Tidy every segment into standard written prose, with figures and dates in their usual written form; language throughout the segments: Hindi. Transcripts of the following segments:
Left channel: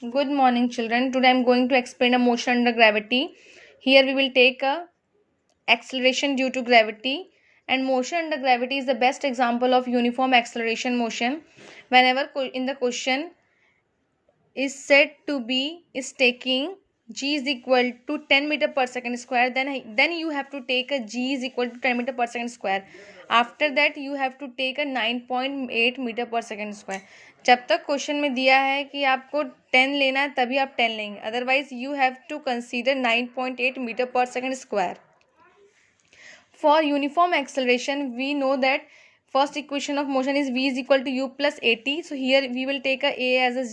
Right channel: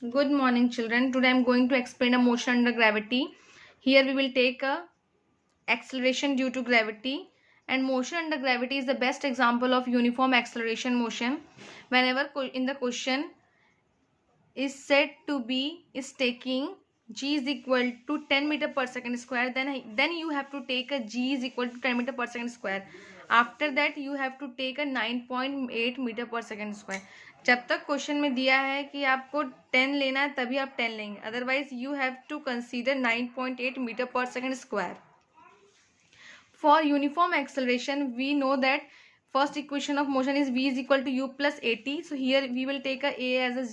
Good morning, children. Today I am going to explain a motion under gravity. Here we will take a acceleration due to gravity, and motion under gravity is the best example of uniform acceleration motion. Whenever in the question is said to be is taking g is equal to 10 meter per second square, then you have to take a g is equal to 10 meter per second square. After that you have to take a 9.8 metre per second square. जब तक क्वेश्चन में दिया है कि आपको 10 लेना है तभी आप 10 लेंगे, otherwise you have to consider 9.8 metre per second square. For uniform acceleration, we know that first equation of motion is v is equal to u plus at. So here we will take a as a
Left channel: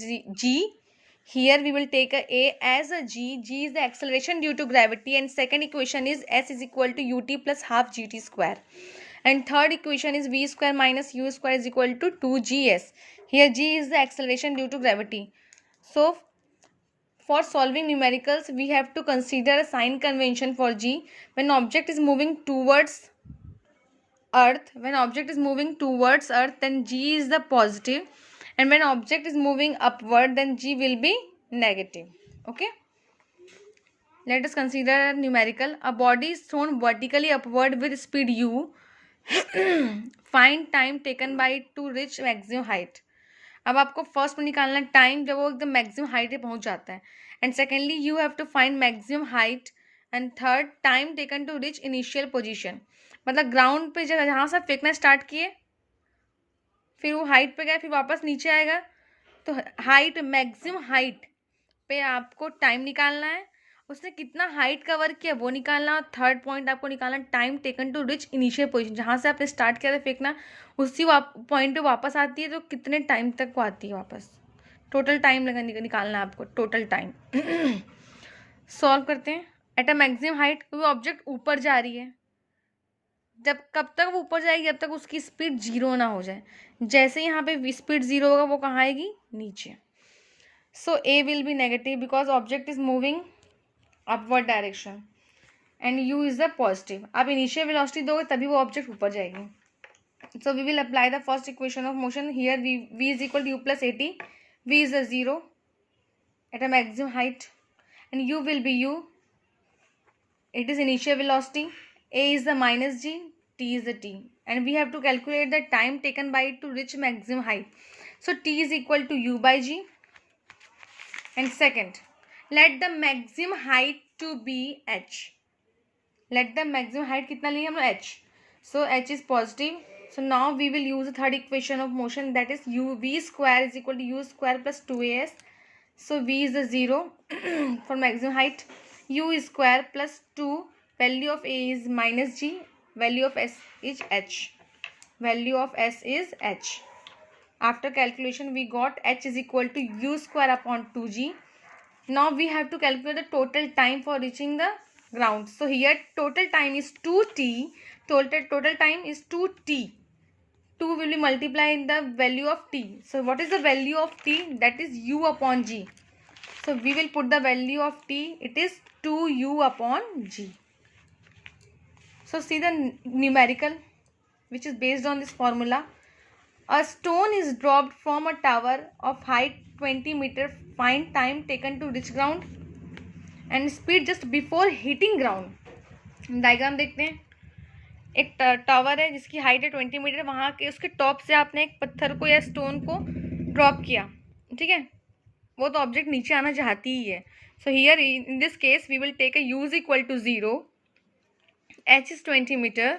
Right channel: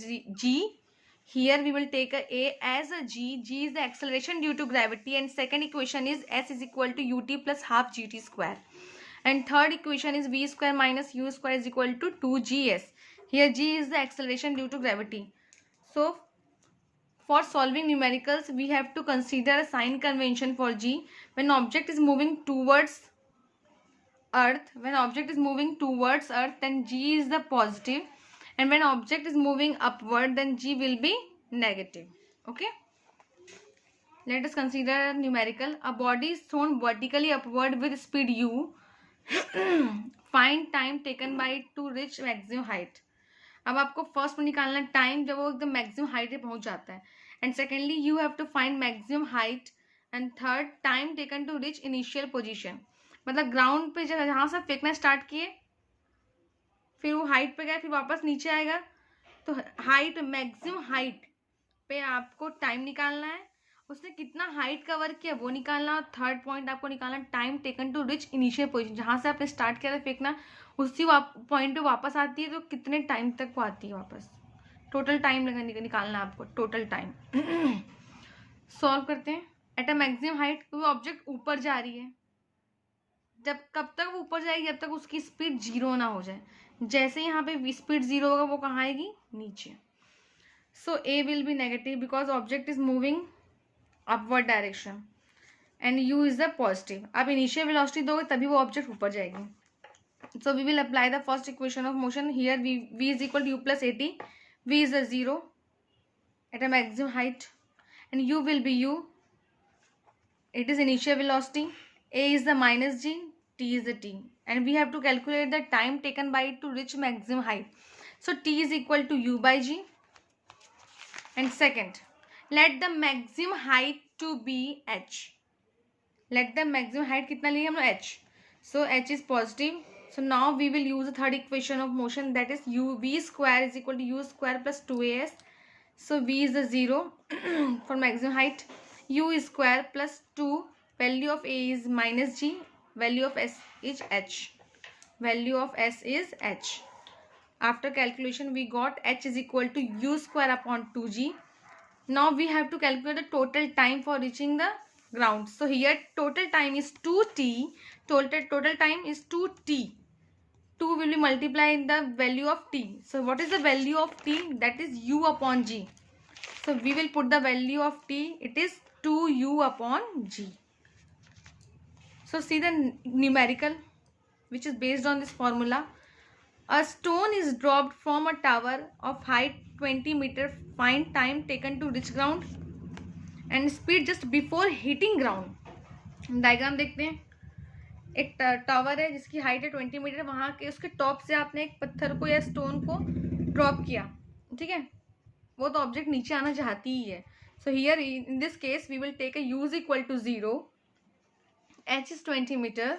g. Here we will take a as a g. G is the acceleration due to gravity, and second equation is s is equal to ut plus half gt square. And third equation is v square minus u square is equal to 2gs. Here g is the acceleration due to gravity. So for solving numericals, we have to consider a sign convention for g. When object is moving towards earth, then g is the positive, and when object is moving upward, then g will be negative. Okay, let us consider a numerical. A body is thrown vertically upward with speed u. Find time taken by it to reach maximum height. अब आपको फर्स्ट में निकालना है टाइम जब वो एकदम मैक्सिमम हाइट पे पहुंच जाता है, and secondly you have to find maximum height, and third time taken to reach initial position. मतलब ग्राउंड पे जब जहाँ से फेंकना स्टार्ट किए फिर वो हाइट पे गए फिर वापस नीचे आएगा, तो हाइट मैक्सिमम हाइट पे आपको टाइम निकालना है, उसने कितना हाइट कवर किया वो निकालना, और थर्ड पॉइंट आपको निकालना time taken to reach initial position. जहाँ से आपने स्टार्ट किया था फेंकना उसी पॉइंट पे वापस आती है तो कितने टाइम तक वो आती है वापस. टोटल टाइम निकालना है आपको, टोटल टाइम. सॉल्व करते हैं. एट अ मैक्सिमम हाइट कोई ऑब्जेक्ट ऊपर जा रही है, कब तक वो ऊपर जाएगी जब तक उसकी स्पीड जीरो ना हो जाए. जैसे यहाँ पे स्पीड जीरो होगा वो कहाँ आएगी, नीचे. So A will be negative because object is moving upward direction and u is the positive. आप इनिशियल वेलोसिटी दोगे तभी वो ऑब्जेक्ट ऊपर जाएगी. So we will apply the first equation of motion. Here v is equal to u plus at. V is a 0 at a maximum height, and u will be u. It is initial velocity. A is the minus g, t is the t, and we have to calculate the time taken by it to reach maximum height. So t is equal to u by g. And second, let the maximum height to be h. Let the maximum height कितना लिए हम लोग, h. So h is positive. So now we will use the third equation of motion, that is v square is equal to u square plus 2as. So v is the 0 for maximum height. U is square plus 2. Value of a is minus g. Value of s is h. Value of s is h. After calculation we got h is equal to u square upon 2g. Now we have to calculate the total time for reaching the ground. So here total time is 2t. Total time is 2t. 2 will be multiplied in the value of t. So what is the value of t? That is u upon g. So we will put the value of t. It is 2u upon g. So see the numerical which is based on this formula. A stone is dropped from a tower of height 20 meter. Find time taken to reach ground and speed just before hitting ground. Diagram देखते हैं. एक टावर है जिसकी हाइट है 20 मीटर. वहाँ के उसके टॉप से आपने एक पत्थर को या स्टोन को ड्रॉप किया, ठीक है, वो तो ऑब्जेक्ट नीचे आना चाहती ही है. So here in this case we will take a u is equal to 0, h is 20 metre,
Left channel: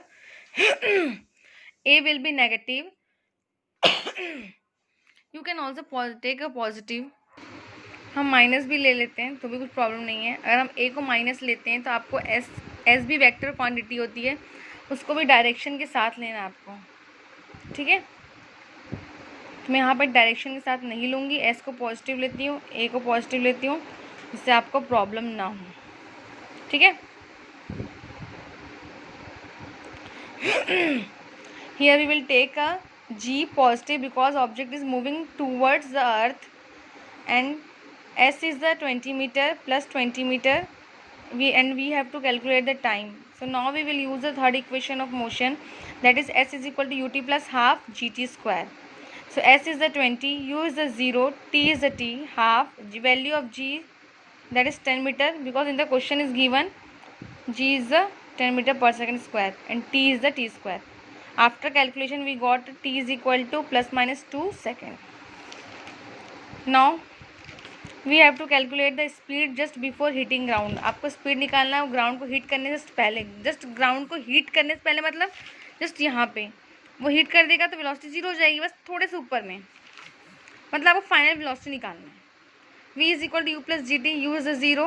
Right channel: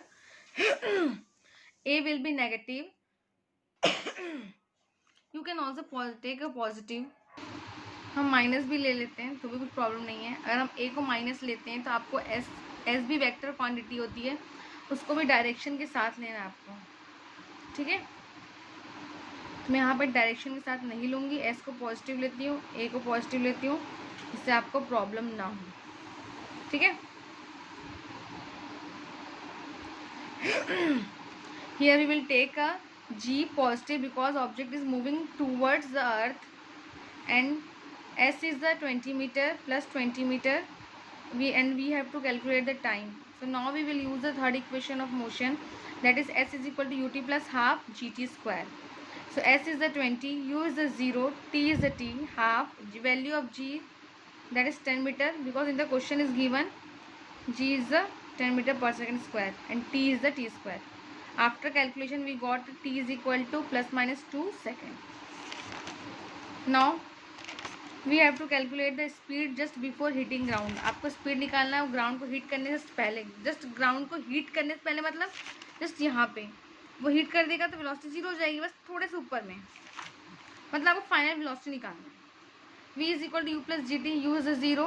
a will be negative. You can also take a positive. हम माइनस भी ले लेते हैं तो भी कुछ प्रॉब्लम नहीं है. अगर हम a को माइनस लेते हैं तो आपको s भी वेक्टर क्वांटिटी होती है, उसको भी डायरेक्शन के साथ लेना आपको, ठीक है. तो मैं यहाँ पर डायरेक्शन के साथ नहीं लूँगी, एस को पॉजिटिव लेती हूँ, ए को पॉजिटिव लेती हूँ, जिससे आपको प्रॉब्लम ना हो, ठीक है. Here we will take a g positive because object is moving towards the earth, and s is the 20 metre plus 20 metre. We have to calculate the time. So now we will use the third equation of motion, that is s is equal to ut plus half gt square. So s is the 20, u is the 0, t is the t, half, value of g, that is 10 meter, because in the question is given g is the 10 meter per second square and t is the t square. After calculation we got t is equal to plus minus 2 second. Now we have to calculate the speed just before hitting ground. आपको स्पीड निकालना है ग्राउंड को हीट करने से पहले, जस्ट ग्राउंड को हीट करने से पहले, मतलब जस्ट यहाँ पे वो हीट कर देगा तो वेलोसिटी जीरो हो जाएगी, बस थोड़े से ऊपर में, मतलब आपको फाइनल वेलोसिटी निकालना है. v is equal to u plus gt, u is a 0,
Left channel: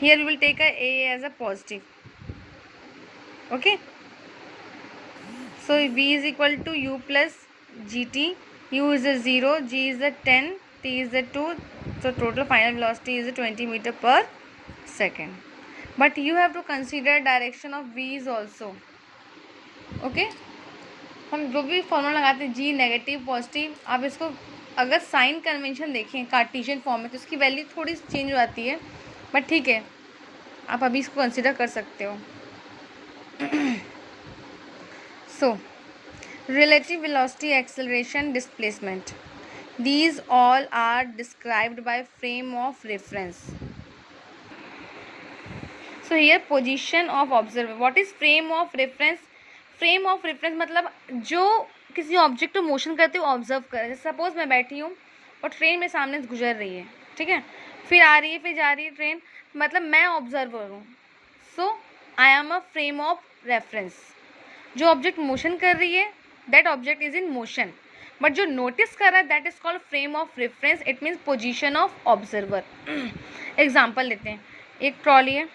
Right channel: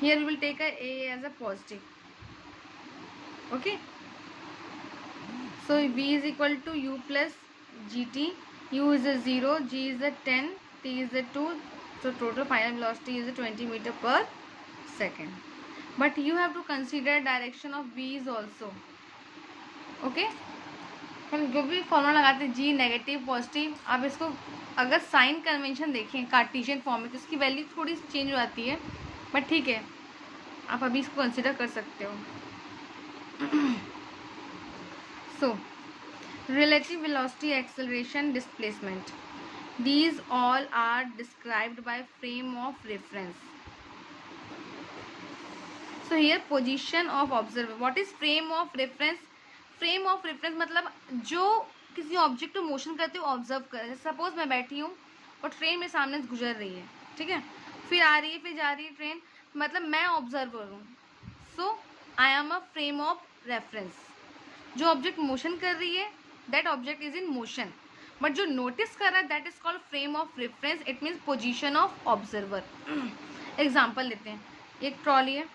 here we will take a as a positive. Okay, so v is equal to u plus gt, u is a 0, g is a 10, t is a 2, so total final velocity is a 20 meter per second. But you have to consider direction of v's also. Okay, हम जो भी फॉर्मूला लगाते हैं g नेगेटिव पॉजिटिव, आप इसको अगर साइन कन्वेंशन देखें कार्टेशियन फॉर्म में तो इसकी वैल्यू थोड़ी चेंज हो जाती है, बट ठीक है आप अभी इसको कंसिडर कर सकते हो. सो relative velocity, acceleration, displacement, these all are described by frame of reference. So here position of observer. What is frame of reference? Frame of reference मतलब जो किसी ऑब्जेक्ट को मोशन करते हुए ऑब्जर्व कर. सपोज मैं बैठी हूँ और ट्रेन मेरे सामने से गुजर रही है, ठीक है, फिर आ रही है, फिर जा रही है ट्रेन, मतलब मैं ऑब्जर्वर हूँ. So I am a frame of reference. जो ऑब्जेक्ट मोशन कर रही है that object is in motion, but जो नोटिस कर रहा है that is called frame of reference. It means position of observer. Example लेते हैं, एक ट्रॉली है,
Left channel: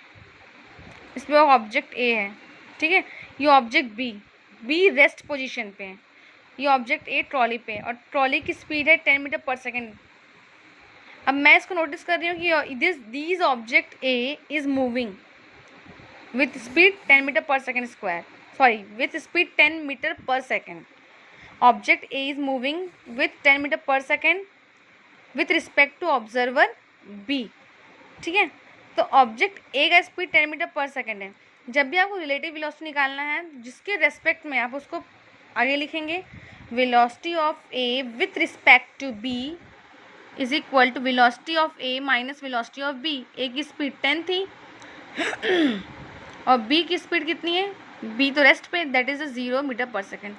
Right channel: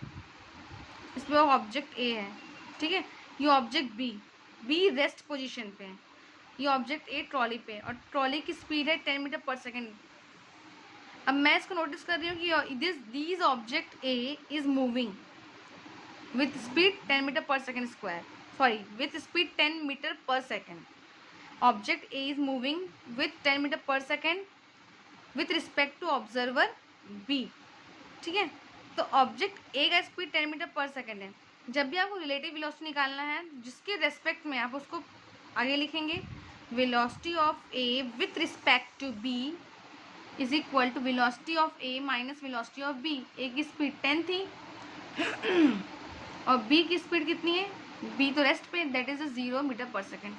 इसमें ऑब्जेक्ट ए है, ठीक है, ये ऑब्जेक्ट बी रेस्ट पोजीशन पे है, ये ऑब्जेक्ट ए ट्रॉली पे है और ट्रॉली की स्पीड है 10 मीटर पर सेकेंड. अब मैं इसको नोटिस कर रही हूँ कि this object A is moving with speed 10 metre per second square, sorry with speed 10 metre per second. Object A is moving with 10 metre per second with respect to observer B. ठीक है, तो ऑब्जेक्ट ए का स्पीड 10 मीटर पर सेकेंड है. जब भी आपको रिलेटिव वेलोसिटी निकालना है जिसके रेस्पेक्ट में आप उसको आगे लिखेंगे, velocity of A with respect to B is equal to velocity of A minus velocity of B. A की स्पीड 10 थी और बी की स्पीड कितनी है, बी तो रेस्ट पे, that is 0 metre per second.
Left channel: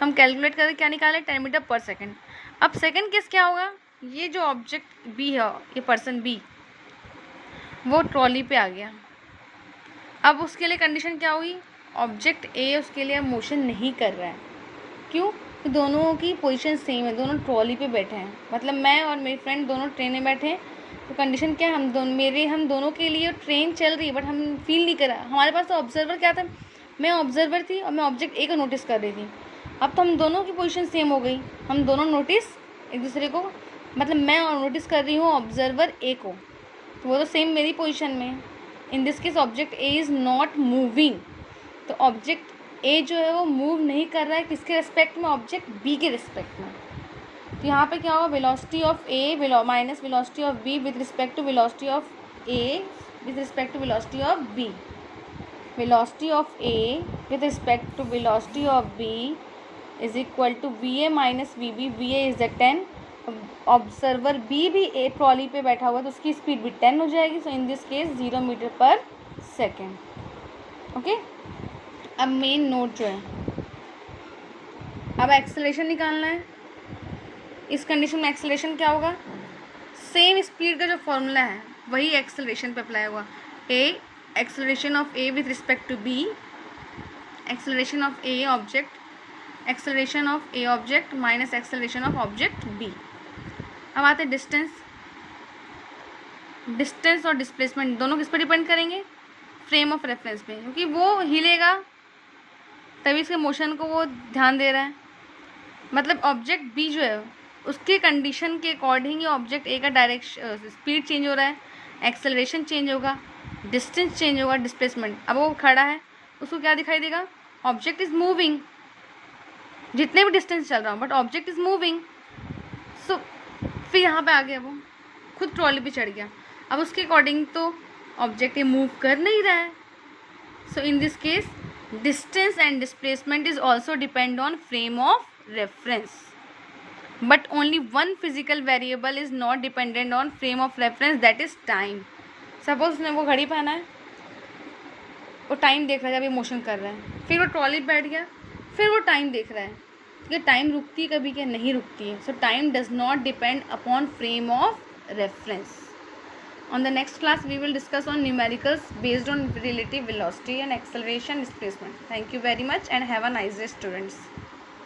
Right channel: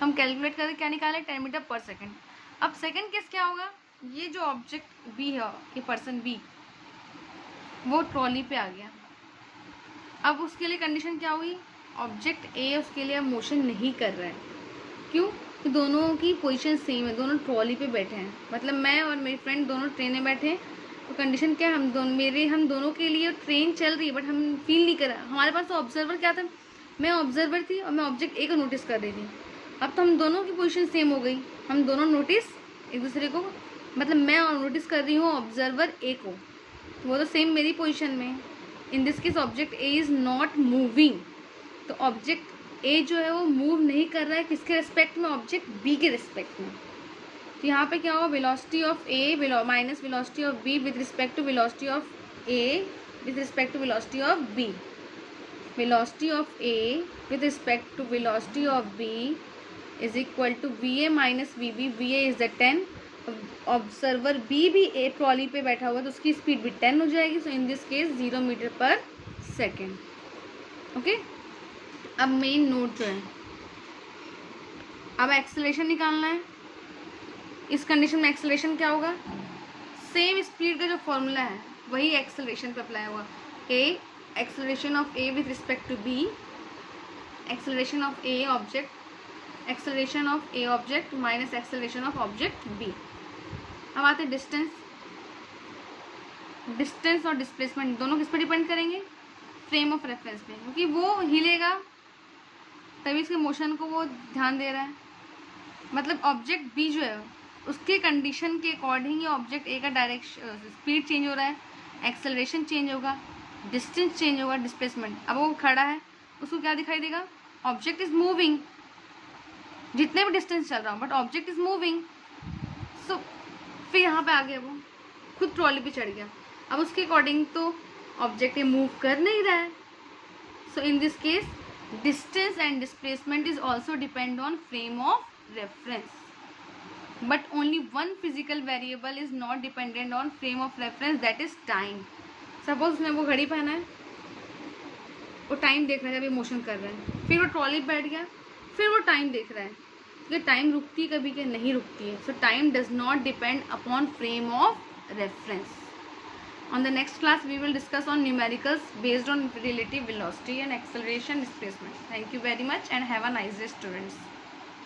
हम कैलकुलेट करके क्या निकाले, 10 मीटर पर सेकेंड. अब सेकेंड केस क्या होगा, ये जो ऑब्जेक्ट बी है, ये पर्सन बी वो ट्रॉली पे आ गया. अब उसके लिए कंडीशन क्या हुई, ऑब्जेक्ट ए उसके लिए मोशन नहीं कर रहा है. क्यों, तो दोनों की पोजीशन सेम है, दोनों ट्रॉली पे बैठे हैं, मतलब मैं और मेरी फ्रेंड दोनों ट्रेन में बैठे हैं. तो कंडीशन क्या है, हम दोनों के लिए ट्रेन चल रही है बट हम फील नहीं कर रहा. हमारे पास तो ऑब्जर्वर क्या था, मैं ऑब्जर्वर थी और मैं ऑब्जेक्ट ए को नोटिस कर रही थी. अब तो हम दोनों की पोजीशन सेम हो गई, हम दोनों नोटिस एक दूसरे को, मतलब मैं और नोटिस कर रही हूँ ऑब्जर्वर ए को, तो वो तो सेम मेरी पोजीशन में है. इन this case object A is not moving, तो ऑब्जेक्ट ए जो है वो मूव नहीं कर रहा है किसके रिस्पेक्ट में, ऑब्जेक्ट बी के रिस्पेक्ट में. तो यहाँ पे क्या होगा, velocity of A minus velocity of B with respect to velocity of A with respect to velocity of B. Velocity of A with respect to velocity of B is equal to V A minus V B. V A is the 10, observer B भी ए ट्रॉली पे बैठा हुआ तो उसकी स्पीड भी 10 हो जाएगी. सो in this case 0 metre per second. Okay, अब मेन नोट जो है, अब एक्सेलरेशन निकालना है. इस कंडीशन में एक्सेलरेशन क्या होगा, सेम स्पीड का जो फॉर्मूला है वही एक्सेलरेशन पे अप्लाई होगा. A acceleration of A with respect to B, acceleration of A object, acceleration of A object minus acceleration of object B. अब आते हैं डिस्टेंस. डिस्टेंस और डिस्प्लेसमेंट दोनों किस पर डिपेंड करेंगे, फ्रेम ऑफ रेफरेंस पे, क्योंकि वो हिलेगा तभी इसके मोशन को वो ध्यान दे रहा है. मतलब ऑब्जेक्ट बी जो है उसके कंडीशन के अकॉर्डिंग ही ऑब्जेक्ट ए का डायरेक्शन स्पीड चेंज हो रहा है, एक्सेलरेशन चेंज होगा, डिस्टेंस चेंज होगा, डिस्प्लेसमेंट. अब वो खड़ा है उसको क्या दिखाई देगा, ऑब्जेक्ट इज मूविंग, जितने भी डिस्टेंस चल रहा हो बट ऑब्जेक्ट इज मूविंग. सो फिर यहाँ पे आ गया, वो खुद ट्रॉली पे चढ़ गया. अब उसके अकॉर्डिंग तो ऑब्जेक्ट ये मूव कर नहीं रहा है. So in this case distance and displacement is also depend on frame of reference. but only one physical variable is not dependent on frame of reference, that is time. Suppose उसने वो घड़ी पहना है, वो टाइम देख रहा है जब ये मोशन कर रहा है, फिर वो ट्रॉली पे बैठ गया, फिर वो टाइम देख रहा है, ये टाइम रुकती है कभी क्या? नहीं रुकती है. सो time does not depend upon frame of reference. On the next class, we will discuss on numericals based on relative velocity and acceleration displacement. Thank you very much and have a nice day, students.